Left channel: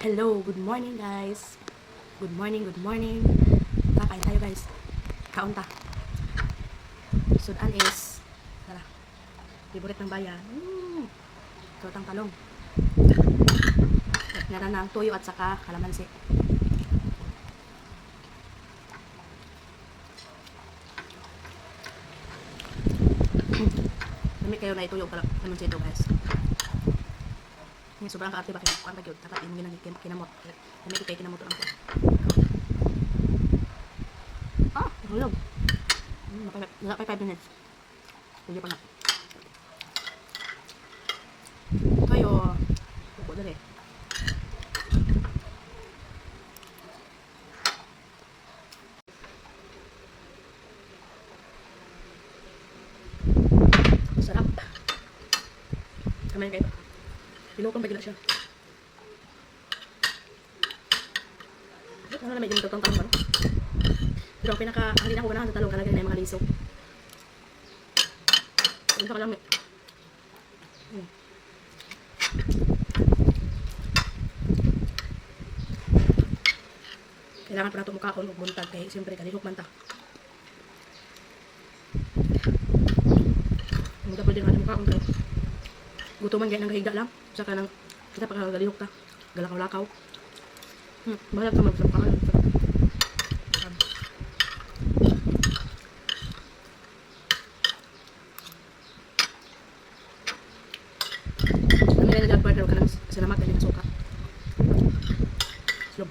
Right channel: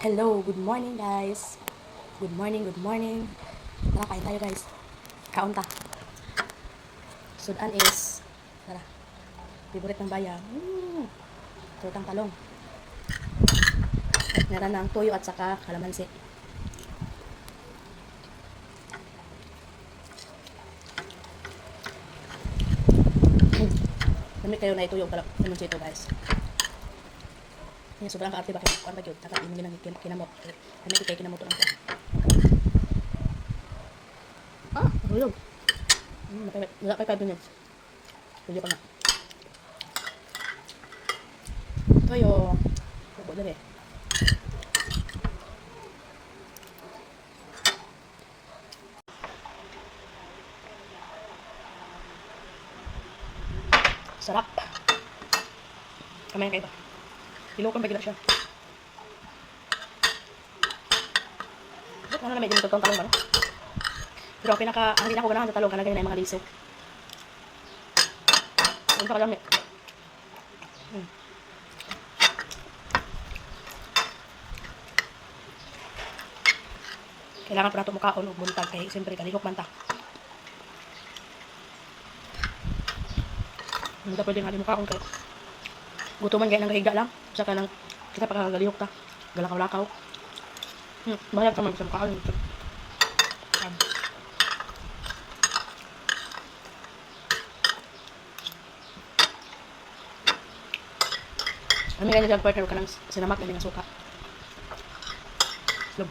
Hello, good morning guys. Good morning, good morning. Kakain tayo guys. Kaon ta. Sudan is, tara, favorite ng bayan. Tutang talong. At meron ng tuyo at saka kalamansi. Dami kayo na ituyo kalamansi ito guys. Ini sobrang kaarte ba kayo? Kuan ba gyud? Dapat inumin ng kinamot. Dami kay kinamot lang ko. Hulog. Wala pa 5 minutes. Tuyo pa na. Kayo, buko dali. Sarap. Kamay kayo. Ilokon ba gila siya? Ano na medyo nagtutong talong ba no? Pero ang hindi na ako ganahan sa talong kanagay na yung mga lisod. Punta ka lang eh. Kailangan pa nato mukaon o buntag kay siyempre kalihok man ta. Hindi ka pwede nga mukaon kay gutuman gaya ng kahiga lang. Saka lang kita pa kagalihok ta. Galakaw-lakaw. Bayag ka sa mukaon. Kami ganyan dyan partner ka ng sinamak na suka. Slob.